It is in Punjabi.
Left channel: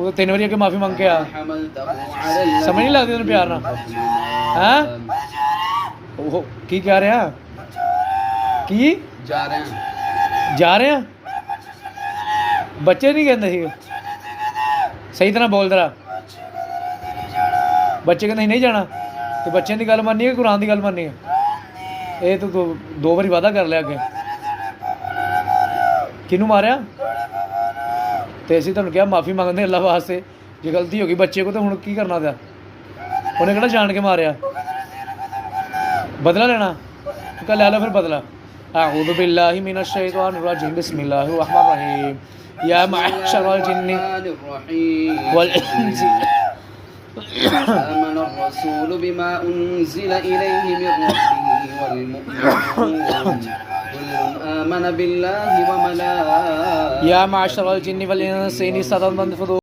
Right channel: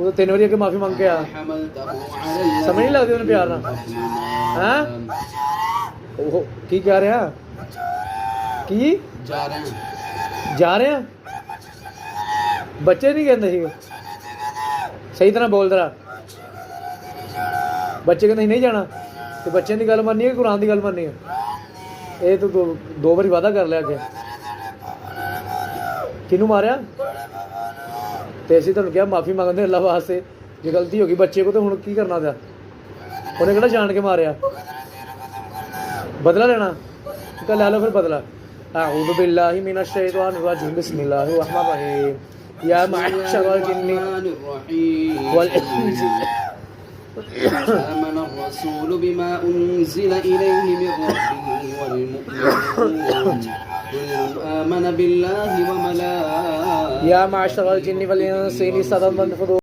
ਤੂੰ 3 ਵਾਰੀ ਅੱਗੇ ਮਾਫੀ ਮੰਗ ਕੇ ਆ। ਸਮਝ ਨਹੀਂ ਲੱਗਦੀ ਤੈਨੂੰ ਪਿਆਰ ਨਾਲ ਹੈ। ਉਹ ਕੀ ਕਹਿ ਰਿਹਾ? ਕੀ ਜਾ ਰਿਹਾ? ਬੱਚੇ ਨਹੀਂ ਕਹਿੰਦੇ ਸੀ ਸਹੀ ਤਰ੍ਹਾਂ ਬੋਲ ਤਰਾ। ਬੱਚੇ ਕਹਿੰਦੇ ਨਹੀਂ ਜਾਣਾ ਤੇ ਬੱਚਿਆਂ ਦੀ ਗੱਲ ਮੰਨਣੀ ਹੈ ਕੁਰਾਨ ਦੀ ਗੱਲ ਮੰਨਣੀ ਹੈ? ਇਹ ਤੂੰ 2 ਵਾਰੀ ਵਾਅਦਾ ਕਰ ਲਿਆ ਅੱਗੇ। ਕਿਹਨੂੰ ਮਾਰਿਆ? ਤੇ ਅਸੀਂ ਤੁਹਾਨੂੰ ਕਿਹਾ ਮਾਫੀ ਮੰਗਦੇ ਅੱਲਾ ਵਾਸਤੇ, ਜੇ ਗਲਤੀ ਹੋ ਗਈ ਬੱਚੇ ਕੋ ਤਾਂ ਹੁਣ ਕੀ ਕਰਨਾ ਪਿਆ? ਉਹਨੇ ਕਿਹੜਾ ਜਾਣ ਕੇ ਮਾਰਿਆ? ਬਦਲਾ ਲੈਣਾ ਕਹ ਲੈ ਲਓ ਫਿਰ ਬਦਲਾ। أعوذ بالله من الشيطان الرجيم بسم الله الرحمن الرحيم يا معشر الجن والإنس آمن الرسول بما أنزل إليه من ربه والمؤمنون كل آمن بالله وملائكته يا معشر الجن والإنس إن استطعتم أن تنفذوا